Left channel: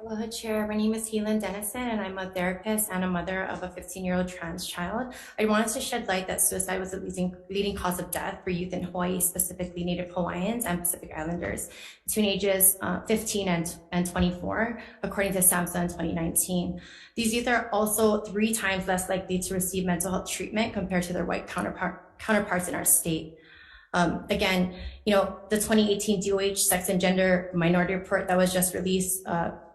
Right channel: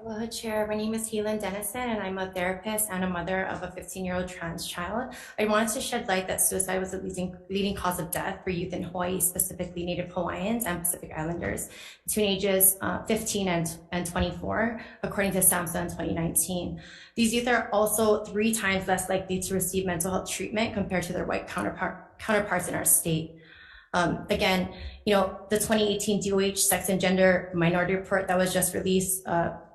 Hello, Chair. My name is Haylin Dennison, and I'm a therapist and a mother of a 15-year-old trans child. I wanted to shed light that suicide was the leading cause of death for youth in Hawaii, specifically Native Hawaiians and Pacific Islanders, between ages 15 and 24, according to SAMSHA in 2019. These youth are also 3 times less likely to receive mental health treatment compared to their white counterparts in our state. Again, the 2018 DOH Sex and Gender Minority Report that was just released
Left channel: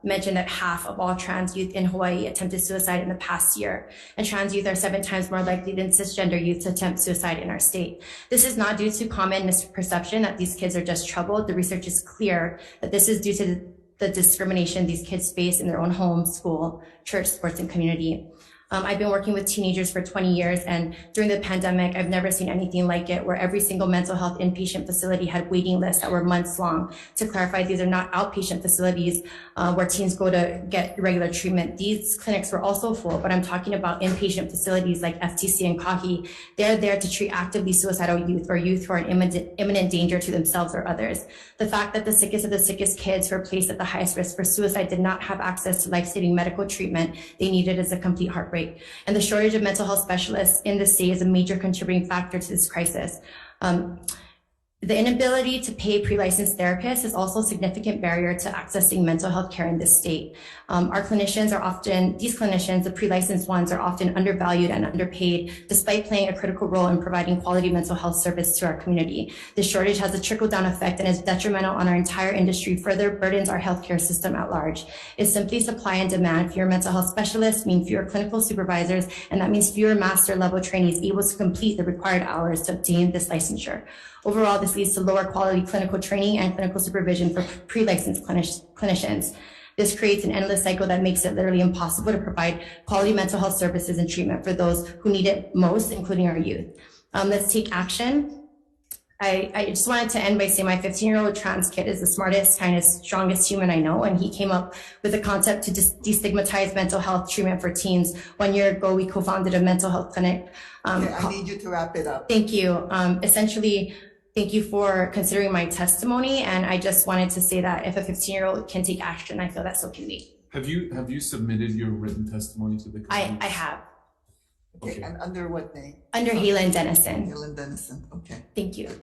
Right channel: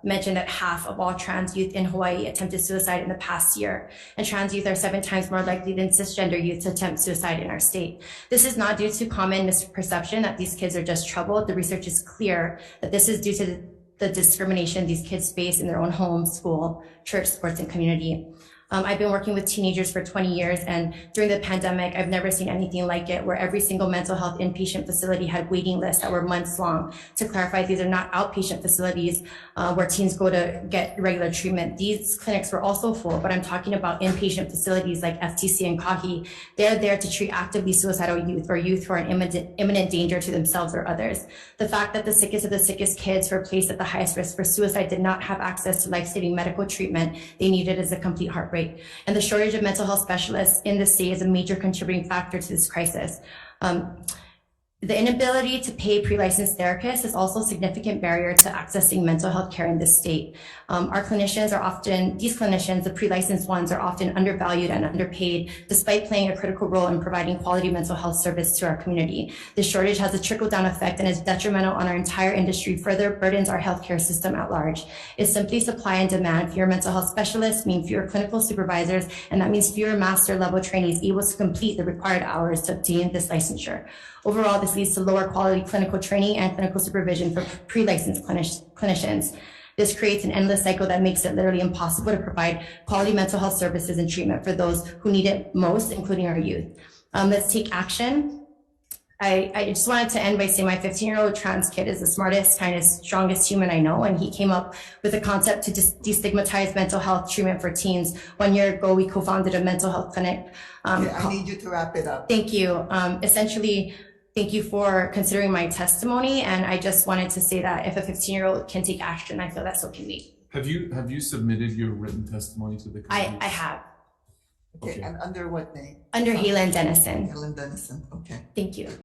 mentioned that half of all trans youth in Hawaii attempted suicide in the past year, and trans youth are 7 times more likely than cisgender youth to attempt suicide in our state. This is not due to common misperception that these kids are just troubled. The research is clear that this is due to the discrimination these kids face in their own home, school, church, sports, and community. I've been working with teenagers for 20 years, and during the pandemic, I've never seen anything like it, where every single mental health inpatient facility had waiting lists that were months long. To clarify, these are not outpatient facilities where teens go to get regular treatment. These clinics were also full, but I'm talking about inpatient facilities like FTC and Kahi. They're there to treat actively suicidal youth or youth who are in imminent danger to themselves or others. The fact that the sickest of the sickest kids who are placed at the highest risk for suicide did not have access to life-saving medical treatment they needed is a complete heartbreak. And the shortage of mental health specialists in the state is a major contributing factor to this crisis. The inability to pay pre-licensed therapists is also a significant barrier to accessing mental health care in this state. These clinicians, the pre-licensed ones, are often undervalued and underpaid, despite playing a critical role in providing quality mental health service to our community. This shortage has a trickle-down effect and is detrimental on our entire industry, further burdens our healthcare system at large. It's simply supply and demand. Fewer mental health specialists mean fewer clinical supervisors, and that means fewer master-level trainees able to complete the required hours to obtain this licensure. Overall, this leads to lower quality clinical training and clinical supervision for pre-licensed clinicians. This creates an endless cycle that makes it literally impossible to provide quality mental health services and treatment for those who need it most, including our youth. Let's take action. I just wanted to end by saying my 15-year-old trans kid is the smartest, kindest, strongest human I know, and he came up with a concept to destigmatize mental health treatment for teens. 1 year ago, we co-founded a mental health clinic. I need you to wrap it up. Thank you. Essentially, thank you for considering my testimony, and I just wanted to say that if a 15-year-old can take action, I feel that so can we. Have you submitted your written testimony to the committee? I have. Okay, and under what name? Under Haylin Dennison. Haylin Dennison, okay. Thank you.